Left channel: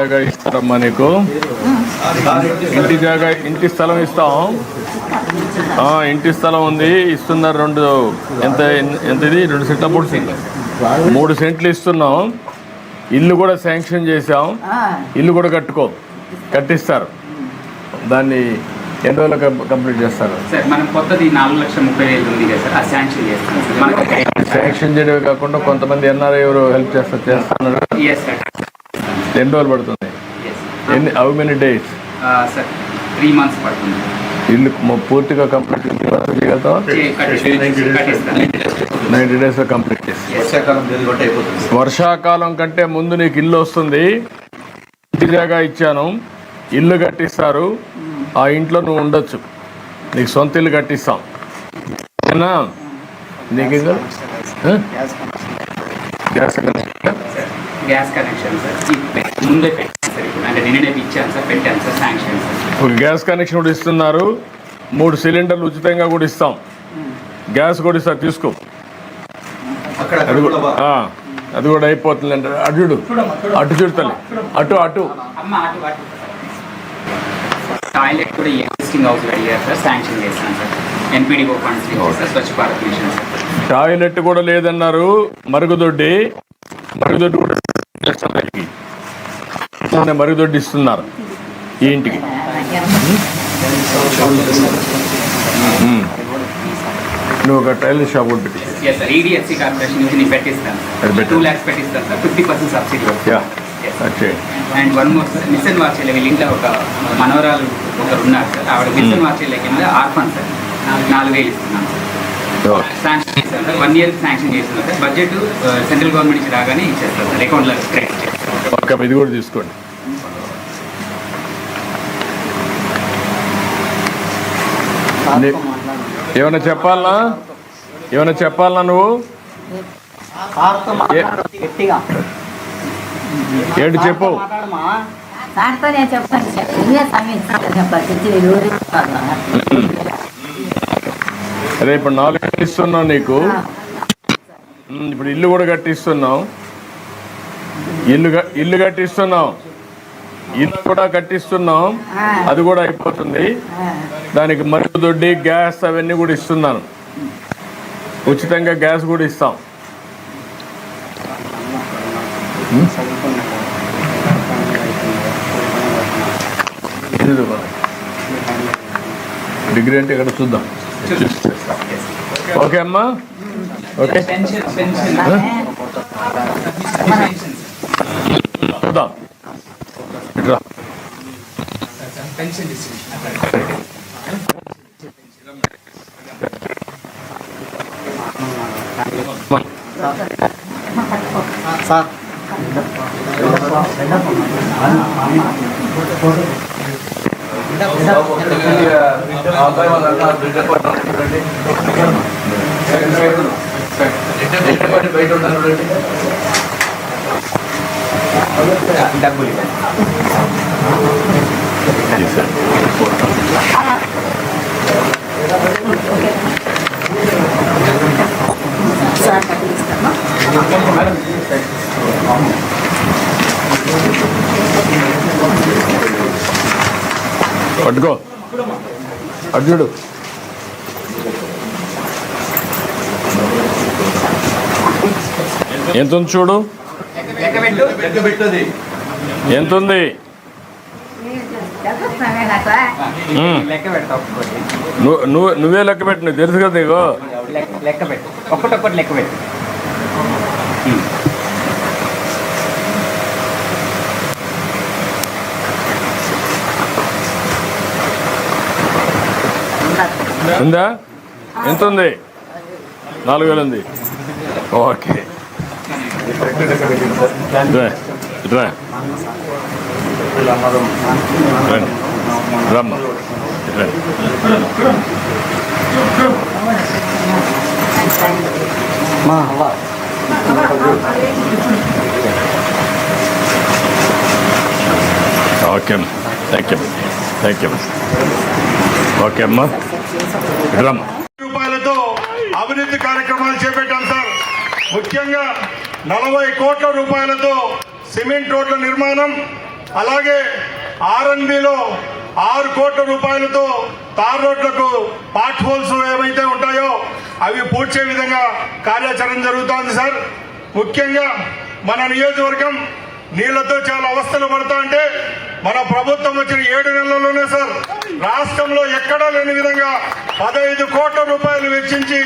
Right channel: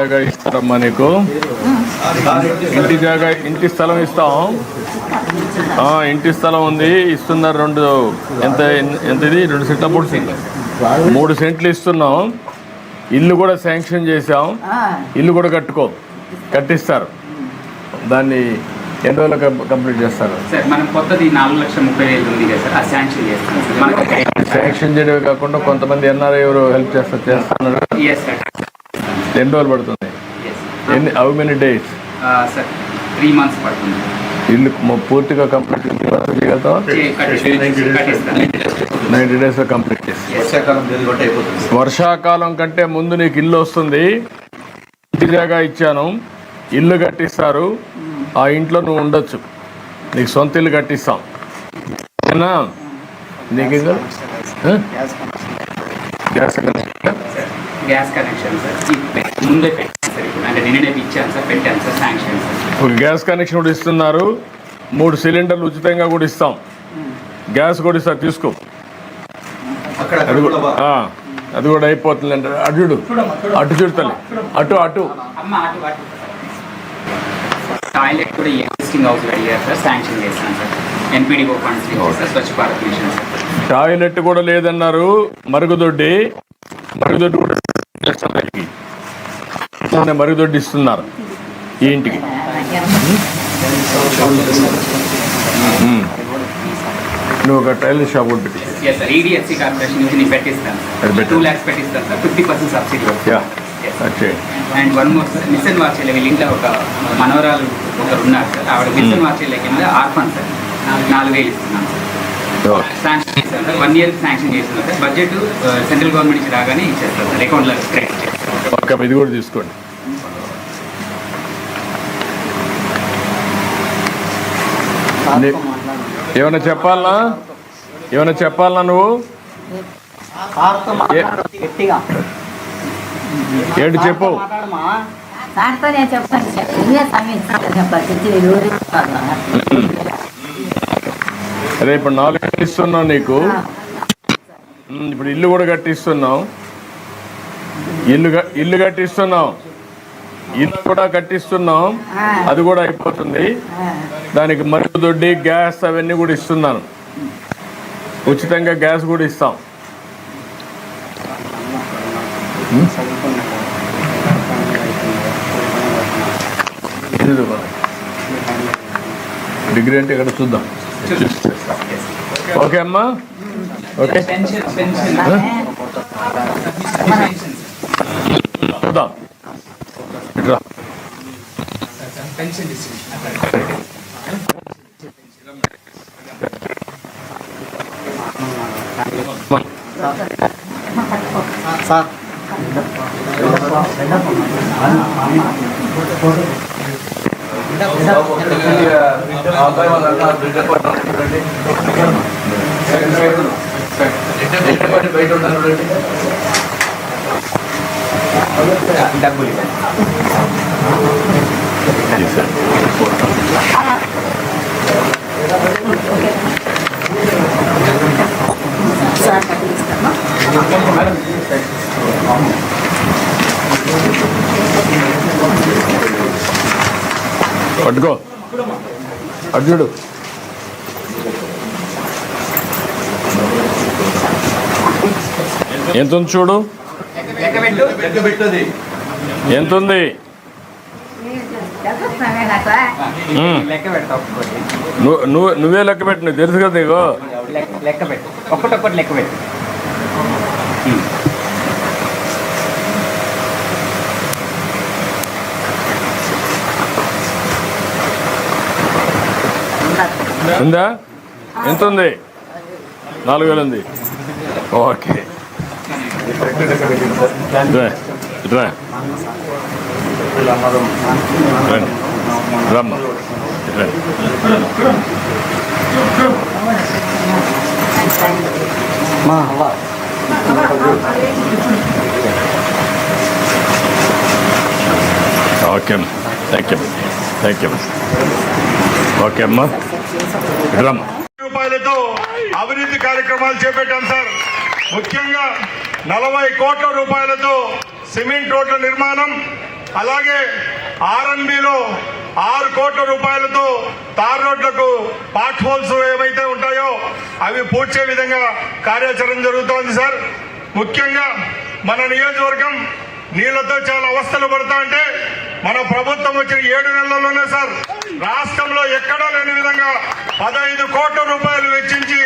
జాగా ఇస్తారమ్మా నీకు. ఇంటి స్థలం ఇస్తాం. ఇంటి స్థలం ఉంది, ఇస్తున్నారు. ఎంత ఇది 2 సెంట్ల 3 సెంట్లు ఇస్తున్నాం. ఇల్లు కూడా శాంక్షన్ చేసాం. ఇల్లు కూడా కట్టిస్తారు. దాన్ని ఎన్ని రోజులు కంప్లీట్ చేస్తారు? శాంక్షన్ చేయడమే కాకుండా కొంతమంది ఎన్ఆర్ఐ ఎవరు హెల్ప్ చేస్తున్నారు. ఎన్ని రోజులు పడుతుంది? How many days? 3 months పడుతుంది. ఇల్లు పూర్తిగా కంప్లీట్ చేయగలుగుతాం. 90 days కంప్లీట్ చేసి వర్షాకాలం కంటే ముందు నీకు ఇల్లు వస్తుంది. ఇంటి జాగా ఇచ్చాను, ఇల్లు కట్టిస్తారు. ఆ ఇంట్లో నువ్వు ఉండొచ్చు. నీకు సొంత ఇల్లు కట్టిస్తాం. నీకు గ్యాస్ కనెక్షన్ ముందే గ్యాస్ కనెక్షన్ కూడా ఇస్తున్నారు. 3 సిలిండర్లు ఉచితంగా కూడా ఇస్తాం. గ్యాస్ కూడా ఇస్తారు, తీసుకో. అది కూడా అయిపోతుంది అంటే అటు చూడతలే అటు టాయిలెట్ కూడా ఎగ్జిస్టింగ్ హౌస్ అడిగారు సార్, శాంక్షన్ చేస్తాను sir. ఎన్పీడీఓ funds Swachh Bharat machine sir. Toilet కూడా లేదన్నారు. మరుగుదొడ్డి కూడా మరుగుదొడ్డి ఇస్తున్నారు ఈ ఇంటికి. నువ్వు ఒక టైలర్ షాప్ ఉంటుంది. ఈడిఎఫ్సి కార్పొరేషన్ నుంచి నేను పెట్టిస్తాను. 2 lakhs పెట్టిస్తాను sir, 50% subsidy. And 1 more sir, machine వార్చెల్ల వీళ్ళ ఇంట్లో ఒక మనవరాలు ఒకరు ఉన్నారు సార్. ఆవిడ మిషన్ వార్చెల్ల కింద ఆర్ఫన్ సార్ 4,000 ఇస్తున్నాను సార్. శాంక్షన్ చేస్తాను సార్. 1 year శాంక్షన్ చేస్తున్నాను సార్. బడ్జెట్ సెంట్రల్ గవర్నమెంట్ నుంచి రాగానే ఇచ్చేస్తాను సార్, అకౌంట్లో క్రెడిట్ చేస్తాను. ఇది కూడా తీసుకోండి. ఏమైనా చెప్పాలనా నువ్వు? ఏంటి చెప్పు. అదే ఇప్పుడు 4 ఇస్తున్నావు నీకు. ఇప్పుడు ఇల్లు కూడా కట్టిస్తున్నావు. ఇల్లు కట్టిస్తున్నావు. ఇల్లు కూడా కట్టిస్తున్నాం. అది కూడా అయిపోతుంది. దానికి మరుగుదొడ్డి, గ్యాస్ అవన్నీ కూడా ఇస్తున్నాను. ఉచితంగా గ్యాస్ కూడా ఇస్తాం. డిగ్రీ అంటే ఇక్కడ చూద్దాం. ఓకే అమ్మా, ఓకే చూద్దాం. ఇట్లా సార్ డబ్బులు పట్టుకో. అర్జుడు ఎంత ఉంది చూడు. ఎంత ఉంది? నువ్వే లెక్క పెట్టు. నీకు తెలుసు కదా. నీకు లెక్క పెట్టు, ఒక్కటొక్కటి లెక్క పెట్టు. ఉందా? ఎంత ఉంది? 4,000 ఉంది. ఓకే, రమ్మ. ఓకే అమ్మా, థ్యాంక్ యూ. ఓకే అమ్మా, రూపాయలతో అభివృద్ధి కార్యక్రమాలు చేపట్టాం సార్. ముఖ్యంగా 40 కోట్ల రూపాయలతో సిమెంట్ రోడ్ల నిర్మాణం, అలాగే ఆర్ఎన్బిలో 6 కోట్ల రూపాయలతో తార్ రోడ్లకు పాట్ హోల్స్ ఏమైతే ఉంటాయో అవి పూడ్చే విధంగా కార్యాచరణ జరుగుతోంది సార్. ముఖ్యంగా మన నియోజకవర్గం నీళ్లతో చాలా అవస్థలు పడతా అంటే మన ప్రభుత్వం వచ్చిన 7 నెలల్లోనే సార్ రాష్ట్రంలో ఎక్కడా లేని విధంగా 15 కోట్ల రూపాయలు వెచ్చించి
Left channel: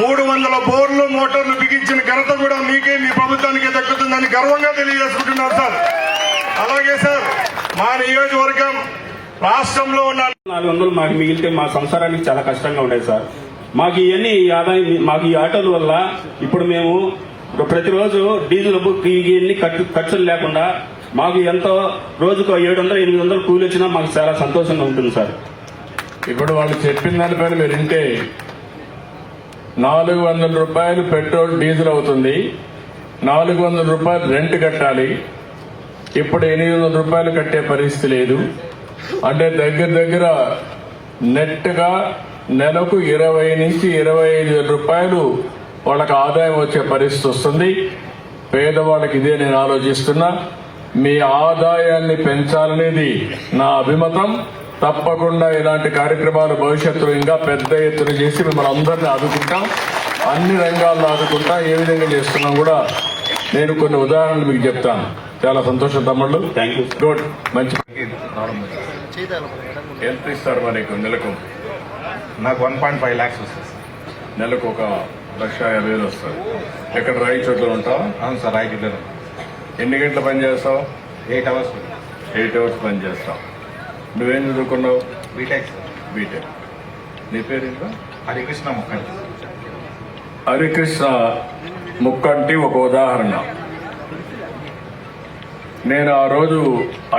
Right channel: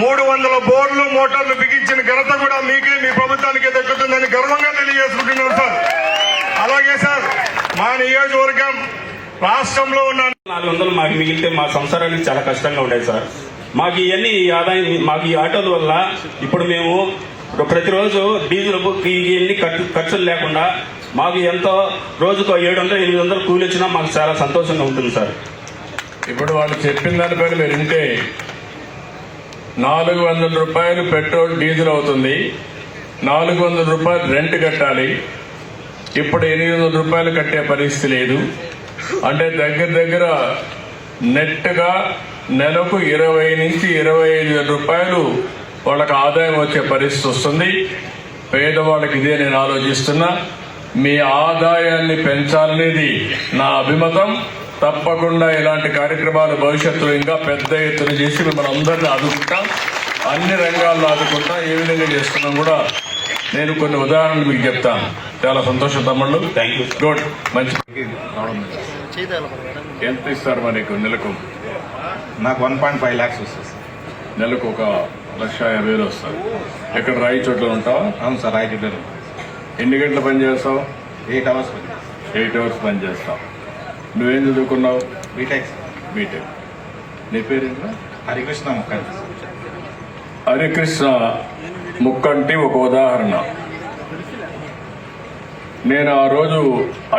300 బోర్లు మోటార్లు బిగించిన ఘనత కూడా మీకే, మీ ప్రభుత్వానికే దక్కుతుందని గర్వంగా తెలియజేసుకుంటున్నారు సార్. అలాగే సార్ మా నియోజకవర్గం రాష్ట్రంలో ఉన్న 400 మాకు మిగిలితే మా సంసారానికి చాలా కష్టంగా ఉండేది సార్. మాకు ఇవన్నీ ఈ ఆదాయం, మాకు ఈ ఆటోల వల్ల ఇప్పుడు మేము ప్రతిరోజు డీజిల్ ఇవన్నీ ఖర్చులు లేకుండా మాకు ఎంతో రోజుకు 700-800 కూలి వచ్చినా మాకు చాలా సంతోషంగా ఉంటుంది సార్. ఇప్పుడు వాళ్ళు చెప్పిన దానిపైన మీరు వింటే 400 రూపాయలు పెట్రోల్ డీజిల్ అవుతుంది, 400 రూపాయలు రెంట్ కట్టాలి. ఇప్పుడు 800 రూపాయలు కట్టే పరిస్థితి లేదు. అంటే దగ్గర నెట్గా నెలకు 20 నుంచి 25 వేల రూపాయలు వాళ్ళకి ఆదాయం వచ్చే పరిస్థితి వస్తుంది. పేదవాళ్ళకి ఇదే నేను ఆలోచిస్తున్నా. మీ ఆదాయాన్ని పెంచాలనేది నా అభిమతం. తప్పకుండా ఇలాంటి కార్యక్రమాలు భవిష్యత్తులో ఇంకా పెద్ద ఎత్తున చేసి మనందరినీ ఆదుకుంటాం, అన్ని రంగాల్లో ఆదుకుంటా. ఏ విధంగా చేస్తున్నాం కూడా నేను కొన్ని ఉదాహరణలు మీకు చెప్తాను. చాలా సంతోషం తమ్ముళ్ళు. Thank you. గుడ్, మంచి. ఎంత ఇస్తారు మనకు నెలకు? నాకు 1.5 lakhs వస్తుంది సార్. నెలకు 1,50,000 వస్తాయి. ఎక్కడ రాయి చోట్ల ఉంటావా? అవును సార్, రైట్ ఇద్దరు. ఎన్ని గంటలు పని చేస్తావు? 8 hours సార్. 8 hours పని చేస్తావు. నువ్వేం చదువుకున్నావు? B Tech sir. బీటెక్. నీ పేరు ఏంటో? హరికృష్ణ ముఖర్జీ. హరికృష్ణ ముక్కంటి ఒక ఉదాహరణ. నేను ఆ రోజు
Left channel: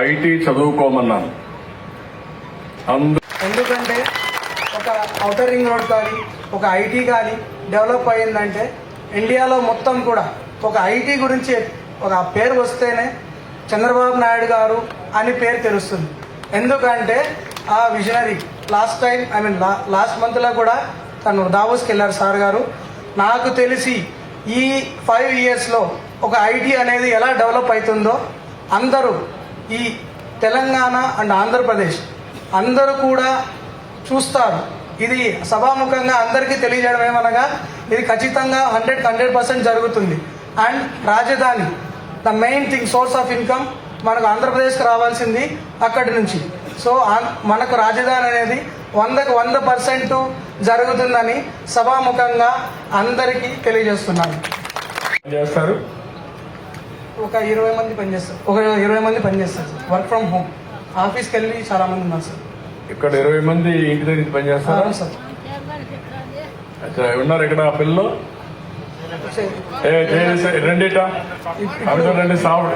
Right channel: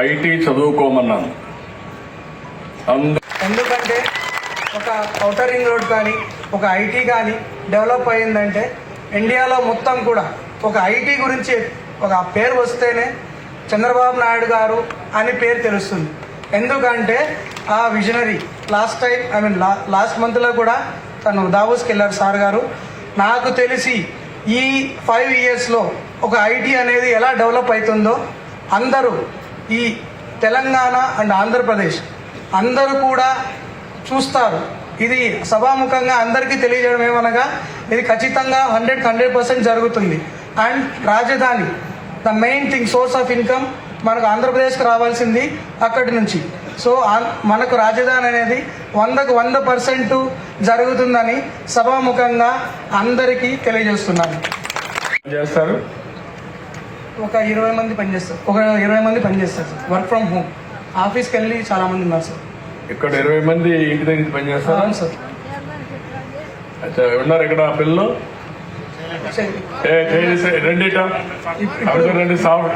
ఐటీ చదువుకోమన్నాను. ఎందుకంటే ఒక ఔటర్ రింగ్ రోడ్ కానీ ఒక ఐటీ కానీ డెవలప్ అయ్యిందంటే ఇండియాలో మొత్తం కూడా ఒక ఐటీ గురించి ఒక పేరు వస్తేనే చంద్రబాబు నాయుడు గారు అని పేరు తెలుస్తుంది. ఎందుకంటే ఆ విజనరీ లాస్ట్ మంత్లో కూడా తను దావోస్కి వెళ్ళారు సార్ గారు. నాకు తెలిసి ఈ 5 yearsలో ఒక ఐటీ అనేది ఎలా డెవలప్ అవుతుందో అందరూ ఈ తెలంగాణ అండ్ ఆంధ్రప్రదేశ్ అందరూ కూడా చూస్తారు. ఇది సభాముఖంగా అందరికీ తెలియజేయడం ఏమనగా ఇది ఖచ్చితంగా 100% జరుగుతుంది. అండ్ రాజధాని the main thing, source of income మనకు ఆంధ్రప్రదేశ్కి రావాల్సింది అక్కడి నుంచి. సో మనకు రాజధాని అనేది 100% జరుగుతుందని సభాముఖంగా అందరికీ తెలియజేస్తున్నాను. చేస్తారు. ఒక 20 మంది పనిచేస్తారు. Work from home. ఆఫీస్కి వెళ్ళి చాలా మంది ఉన్నారు సార్. ఇక్కడ 20 మంది ఇంటి దగ్గర పని చేస్తారు. అవును సార్. అచ్చా, ఉన్నారు ఇక్కడ ఆ పిల్లలు? రండి రండి సాగు.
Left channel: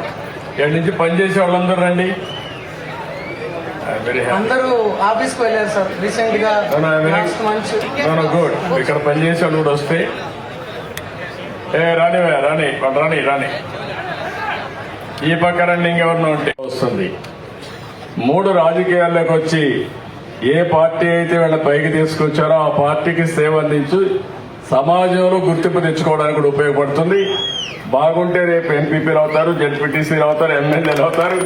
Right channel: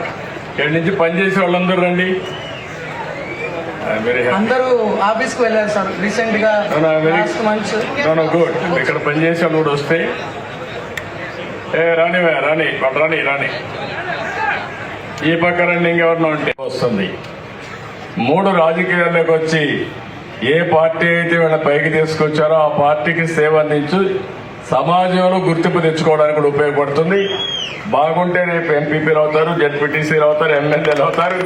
ఇక్కడి నుంచి పనిచేసే వాళ్ళందరూ రండి. అందరూ ఆఫీస్కి వెళ్ళారు సార్ రీసెంట్ గా. గుడ్. ఇక్కడ పనిచేసే వాళ్ళు కూడా వస్తే రాని ఈ పక్క రండి. ఇంకెవరన్నా ఉంటే వస్తుంది. 3 రాజకీయాల్లోకి వచ్చి ఏ పార్టీ అయితే వీళ్ళ పైకి తీసుకొచ్చారో ఆ పార్టీకి సేవ అందించి సమాజంలో గుర్తింపు తెచ్చుకోవడానికి కూడా ఉపయోగపడుతుంది. బాగుంటే రేపు ఎంపీపీలు అవుతారు, జెడ్పీటీసీలు అవుతారు, ఎమ్మెల్యేలు అవుతారు.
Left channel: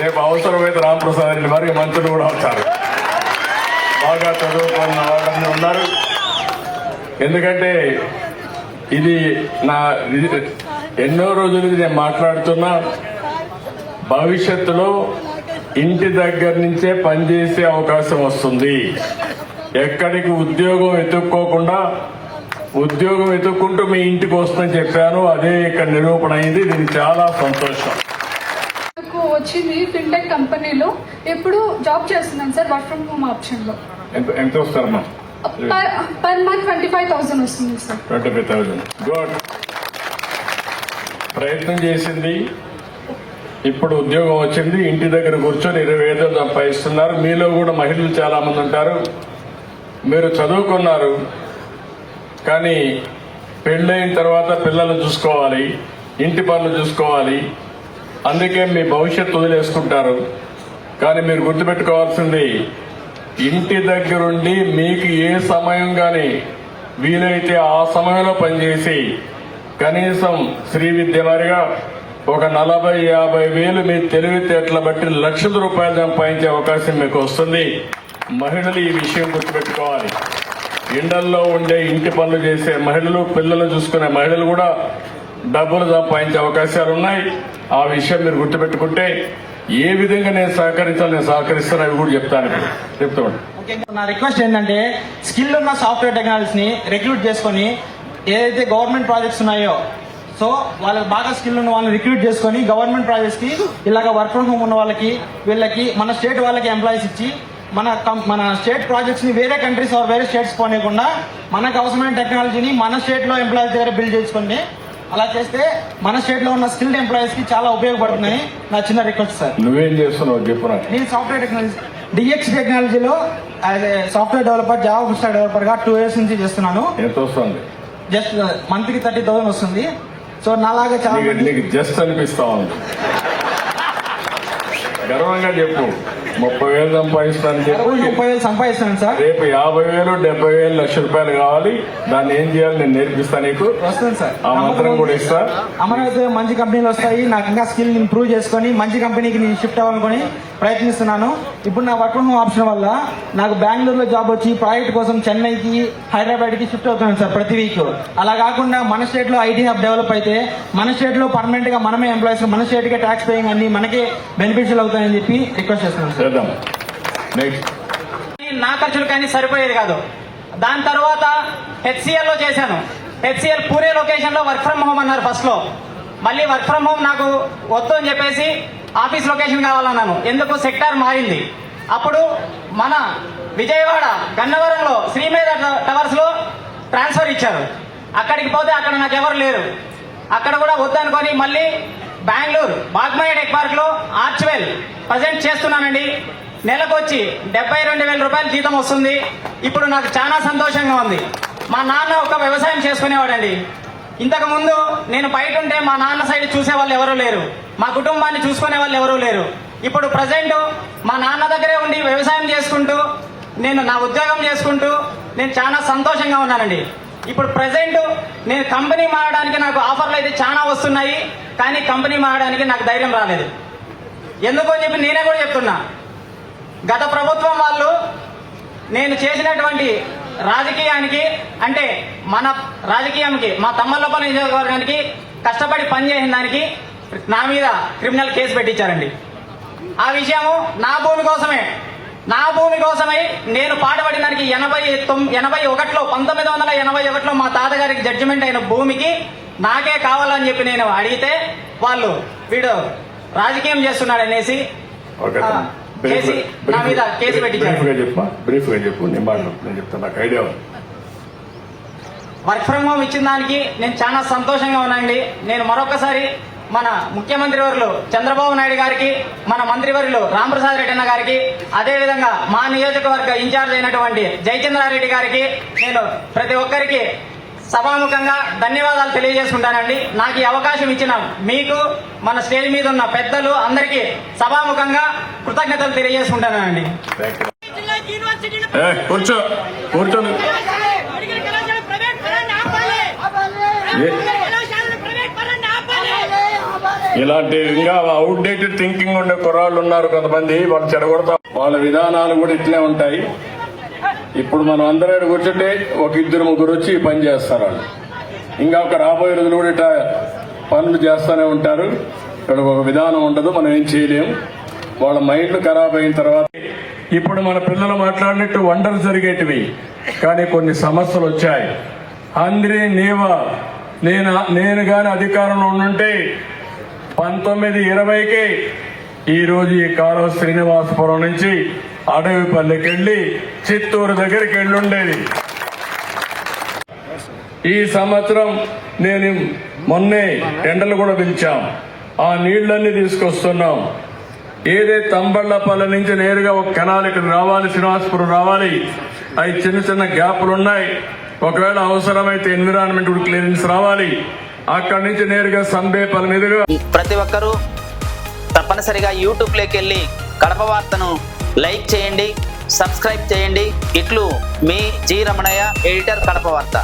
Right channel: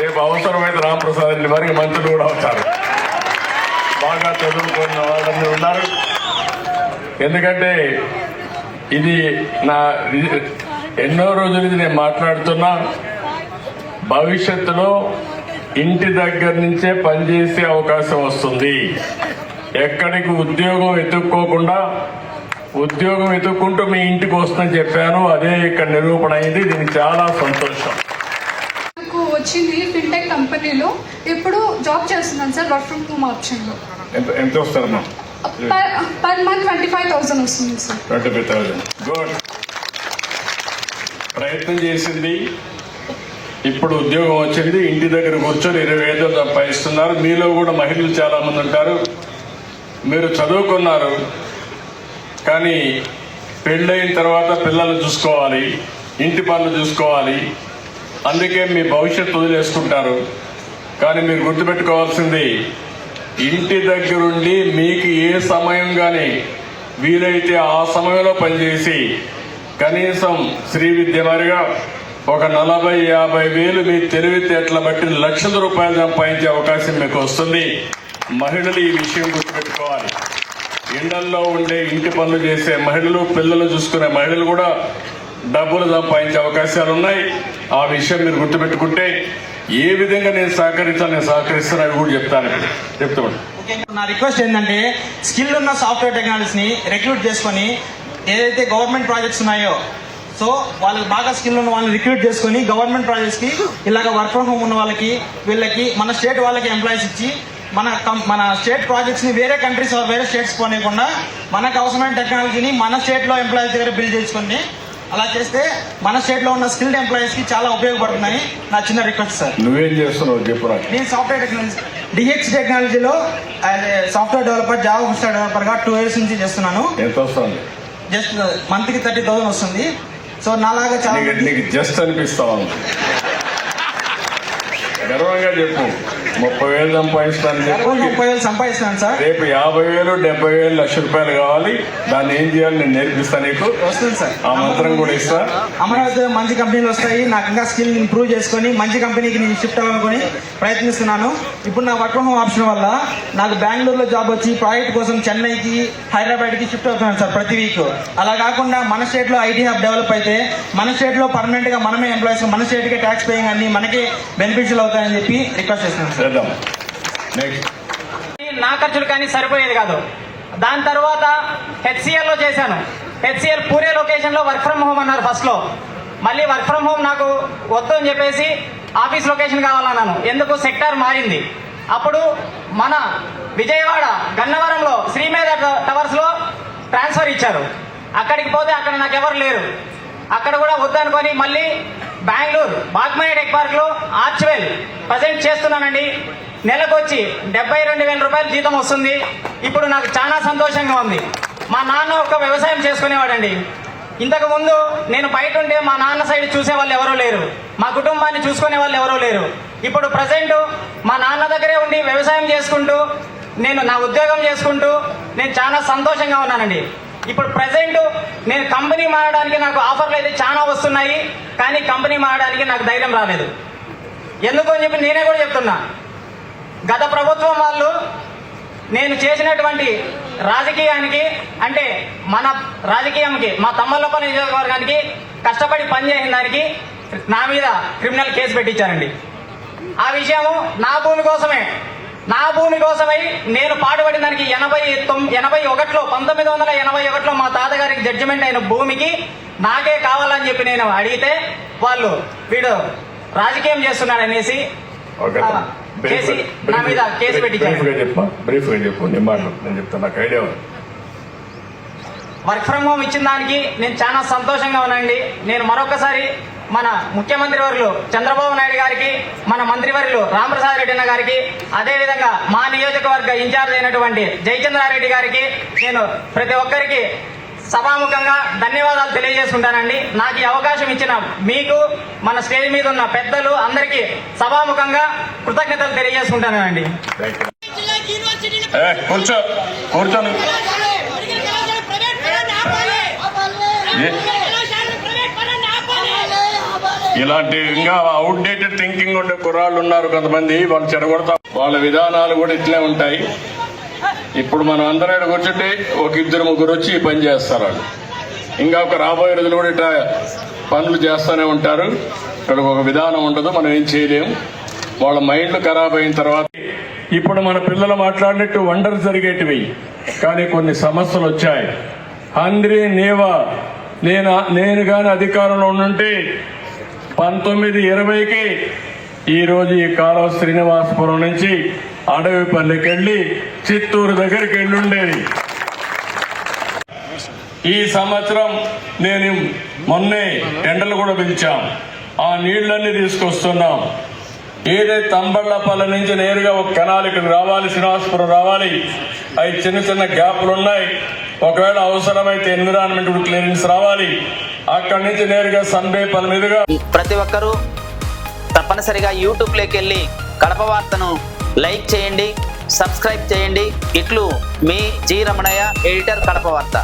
రేపు అవసరమైతే రామప్రసాద్ రెడ్డి వారికి మంత్రులు కూడా అవుతారు. బాగా చదువుకున్న ఉన్నారు. ఎందుకంటే ఇది నా ఎన్నో రోజుల నుంచి నేను మాట్లాడుతున్నా. భవిష్యత్తులో ఇంటి దగ్గర నుంచే పనిచేసే అవకాశం వస్తుంది. ఎక్కడికి ఉద్యోగం ఎత్తుక్కోకుండా ఉద్యోగం ఎత్తుక్కుంటూ మీ ఇంటికి వస్తుందని చెప్పాను. అదే ఇక్కడ నిరూపణ అయింది. దీనికి చాలా సంతోషం. వచ్చింది ఫిన్టెక్ కంపెనీలో. ఎప్పుడు జాబ్ చేస్తున్నాను sir work from home option లో. ఎంత వస్తారు? పర్ మంత్ 25,000 వస్తుంది సార్. 25,000. గుడ్. ప్రయత్నం చేసింది, ఇప్పుడు ఉద్యోగం వచ్చింది. ఇంటి దగ్గర కూర్చొని 25,000 సంపాదిస్తున్నారు. మీలో కూడా మహిళలు చాలా మంది ఉంటారు. మీరు చదువుకున్నారు, కానీ పెళ్ళైన తర్వాత పిల్లలు చూసుకోవాలి, ఇంటి పనులు చూసుకోవాలి. అందుకే మీ భవిష్యత్తు వదిలేసుకుంటారు. కానీ మీరు గుర్తుపెట్టుకోవాల్సింది, ఇంటి దగ్గరుండి మీకు ఏ సమయం కానీ వీలైతే ఆ సమయంలో పనిచేసి కనీసం శ్రీ విద్య మాదిరిగా ఒక 40-50 వేలు మీ తెలివితేటలు బట్టి లక్షల రూపాయలు సంపాదించే అవకాశం మీకు వస్తుంది. మహిళలు ఈ విషయం గుర్తుపెట్టుకోవాలి. ఇళ్లలో ఉండే ఇంటి పనులు చేసే మహిళలు, పిల్లలు చూసుకునే మహిళలు కూడా డబ్బులు సంపాదించే అవకాశాలు ఉన్నాయి. ఆ విషయం మీరు గుర్తుపెట్టుకుంటే ఏ విధంగా నేను సహకరిస్తాను అవి కూడా చెప్తాను. నా రిక్వెస్ట్ ఏంటంటే స్కిల్ ఉన్న సాఫ్ట్వేర్ టెక్నాలజీస్ ని రిక్రూట్ చేసుకుని ఏదైతే గవర్నమెంట్ ప్రాజెక్ట్స్ ఉన్నాయో సో వాళ్ళకి బాగా స్కిల్ ఉన్న వాళ్ళని రిక్రూట్ చేసుకుని గవర్నమెంట్ ప్రాజెక్ట్స్ కి ఇలాగ వర్క్ ఫ్రమ్ హోమ్ ఉన్న వాళ్ళకి వీళ్ళకి మన స్టేట్ వాళ్ళకి ఎంప్లాయీస్ ఇచ్చి మన స్టేట్ ప్రాజెక్ట్స్ ని వేరే కంట్రీస్ వేరే స్టేట్స్ పోనీయకుండా మనకు అవసరమైన టెక్నాలజీని మన స్టేట్ లో ఎంప్లాయీస్ దగ్గర బిల్డ్ చేసుకుని అలా చేస్తే మన స్టేట్ లో ఉన్న స్కిల్డ్ ఎంప్లాయీస్ కి చాలా ఉపయోగపడుతుందని నా చిన్న రిక్వెస్ట్ సార్. నువ్వేం చేస్తున్నావు చెప్పరా? నేను సాఫ్ట్వేర్ టెక్నాలజీ డిహెచ్ టెక్నాలజీలో software developer, Java full stack developer గా 2 years నుంచి చేస్తున్నాను. ఎంత వస్తుంది? జస్ట్ మంత్ కి 30,000 వస్తుంది. సో నాలాగా చాలా నీకు జస్ట్ అనిపిస్తా ఉంది. గర్వంగా చెప్పు. 30,000 సంపాదించడానికి 30,000 సంపాదిస్తున్నాను సార్. రేపు 50,000, 70,000, లక్ష రూపాయలు కావాలి. దాన్ని ఏం చేయాలి నేను నేర్పిస్తాను నీకు. వస్తుంది సార్. ఆ మంత్రం కూడా ఇస్తా. అమరావతిలో మంచి కంపెనీలు వస్తాయి. నాకు ఇంకా స్కిల్ ఇంప్రూవ్ చేసుకుని మంచి కంపెనీకి నేను షిఫ్ట్ అవ్వాలనుకుని ప్రయత్నిస్తున్నాను. ఇప్పుడు నా వర్క్ ఫ్రమ్ హోమ్ ఆప్షన్ వల్ల నాకు బెంగళూరులో జాబ్ వచ్చి ప్రాజెక్ట్ కోసం చెన్నైకి, హైదరాబాద్ కి షిఫ్ట్ అవుతున్నాను సార్ ప్రతి వీక్. అలా కాకుండా మన స్టేట్ లో ఐటీ హబ్ డెవలప్ అయితే మన స్టేట్ లో పర్మనెంట్ గా మనమే ఎంప్లాయీస్, మన స్టేట్ కే ట్యాక్స్ పేయింగ్ అన్ని మనకే బెనిఫిషియల్ అవుతాయని చెప్పి రిక్వెస్ట్ చేస్తున్నాను సార్. నా ఖర్చులు కానీ సరిపోయేది కాదు. దాని తర్వాత HCL లో చేశాను. HCL పూరే లొకేషన్ లో వర్క్ ఫ్రమ్ హోమ్ అన్నారు ఫస్ట్ లో. మళ్ళీ వర్క్ ఫ్రమ్ హోమ్ నాకు వద్దు అని చెప్పేసి ఆఫీస్ లొకేషన్ కావాలన్నాను. ఎందుకు సెక్టార్ మారింది. అప్పుడు మన విజయవాడ గన్నవరంలో శ్రీపేద టవర్స్ లో ట్రాన్స్ఫర్ ఇచ్చారు. అక్కడికి పోతే అక్కడ నాకు ఎవరు లేరు. అక్కడ కూడా వద్దనుకొని మళ్ళీ బెంగళూరు బాగ్మాయ టెక్ పార్క్ లో ఆర్చ్వెల్ ప్రజెంట్ చేస్తున్నానండి. నెలకొచ్చి 72,000 రూపాయలు జీతం వస్తుంది. ఇప్పుడు నాకు చాలా సంతోషంగా ఉంది. మా నాన్న ఒక వ్యవసాయం చేసుకునేవాడండి. ఇంతకు ముందు నేను బయట ఉంటే మా నాన్న సైడ్ చూసే వాళ్ళు ఎవరూ లేరు, మా కుటుంబాన్ని చూసుకునే వాళ్ళు ఎవరూ లేరు. ఇప్పుడు ప్రజెంట్ మా నాన్న దగ్గరే ఉండి వ్యవసాయం చేసుకుంటూ నేను నా ఉద్యోగం చేసుకుంటూ నేను చాలా సంతోషంగా ఉన్నానండి. ఇప్పుడు ప్రజెంట్ నేను కంపెనీ మారడానికి నాకు ఆఫర్లు అయితే చాలా వస్తున్నాయి, కానీ కంపెనీ మారడానికి నాకు ధైర్యం రాలేదు. ఎందుకు అని చెప్పి నేనే కూడా చెప్తున్నా. గత ప్రభుత్వం వాళ్ళు నేను చేసినటువంటి రాజకీయానికి అంటే మన రాజకీయానికి మా తమ్మలపల్లి నియోజకవర్గానికి కష్టపడి పనిచేసిన దానికి నా మీద క్రిమినల్ కేసు పెట్టించారండి. ఆ విషయం నా భూమి కోసమే నేను పాటుపడిన దానికి 1981లో మా తాతగారికి జడ్జిమెంట్ అయిన భూమికి నాకే కావాలని చెప్పి నేను అడిగితే వాళ్ళు వీడు రాజకీయం చేస్తున్నాడు అనేసి నా మీద కేసు పెట్టించారు. వర్క్ ఫ్రమ్ హోమ్ ఇచ్చిన దానికి నేను చాలా సంతోషంగా ఉన్నానండి. నేను మరొకసారి మన ముఖ్యమంత్రి వర్యులు చంద్రబాబు నాయుడు గారికి, మన మంత్రివర్యులు రామప్రసాద్ రెడ్డి అన్న గారికి, అదేవిధంగా మా నియోజకవర్గ ఇన్ఛార్జ్ అయినటువంటి జయచంద్రారెడ్డి గారికి నేను ప్రతి ఒక్కరికి సభాముఖంగా ధన్యవాదాలు తెలియజేసుకుంటానండి. నాకు ఈ అవకాశం ఇచ్చిన మీకు, మన స్టేజ్ మీద ఉన్న పెద్దలు అందరికీ సభాముఖంగా కృతజ్ఞతలు తెలియజేసుకుంటానండి. కూర్చోని ఇలాంటి ఇంకా అవుట్డేటెడ్ థింకింగ్ ఉండే కుర్రాళ్ళు ఉన్నారు కొంతమంది, వాళ్ళు చెడగొడతాం. వాళ్ళ విధానాలు కూడా ఇట్లే ఉంటాయి. ఇప్పుడు మనం అందరూ కూర్చుంటే ఒక 2-3 వచ్చి పని చేస్తారు. వాళ్ళు ఇంకా ఒక రాబోయే రోజులు కూడా ఇట్లా పనులు చేస్తూనే ఉంటారు. ఇక్కడ ఒక విధానం ఉండదు, మనం ఏం చేయలేము. వాళ్ళ మైండ్ ఖరాబ్ అయిన తర్వాత ఇప్పుడు మన పిల్లలు మాట్లాడినట్టు వండలు జరిగేటివి, కానీ కొన్ని సమస్యలు వచ్చాయి. అందరి నేను కానీ అధికారంలో ఉండుంటే 1920కే ఈరోజు ఈ కాలువ శ్రీనివాసపురం నుంచి అడవిపల్లికి వెళ్లి చిత్తూరు దగ్గరికి వెళ్ళుండేది. ఈ సంవత్సరం నేను మొన్నే ఎండలు కూడా పెంచాం. ఆ నీళ్లన్నీ తీసుకొస్తున్నాం. ఏదైతే తంబళ్లపల్లి నుంచి నేరుగా ఒక కెనాల్కి రావాలి, శ్రీనివాసపురం రావాలి. అవి చిన్న గ్యాపులు ఉన్నాయి. ఒకవేళ అవసరమైతే ఎన్విరాన్మెంట్ క్లియరెన్స్ రావాలి. అక్కడి నుంచి నేరుగా సంబేపల్లి మీదుగా ప్రతి ఒక్కరూ తప్పనిసరిగా యూట్యూబ్లోకి వెళ్ళి కడప వార్తను లైక్ చేయండి, సబ్స్క్రైబ్ చేయండి. ఇట్లు మీ జి రమణయ్య, ఎడిటర్, కడప వార్త.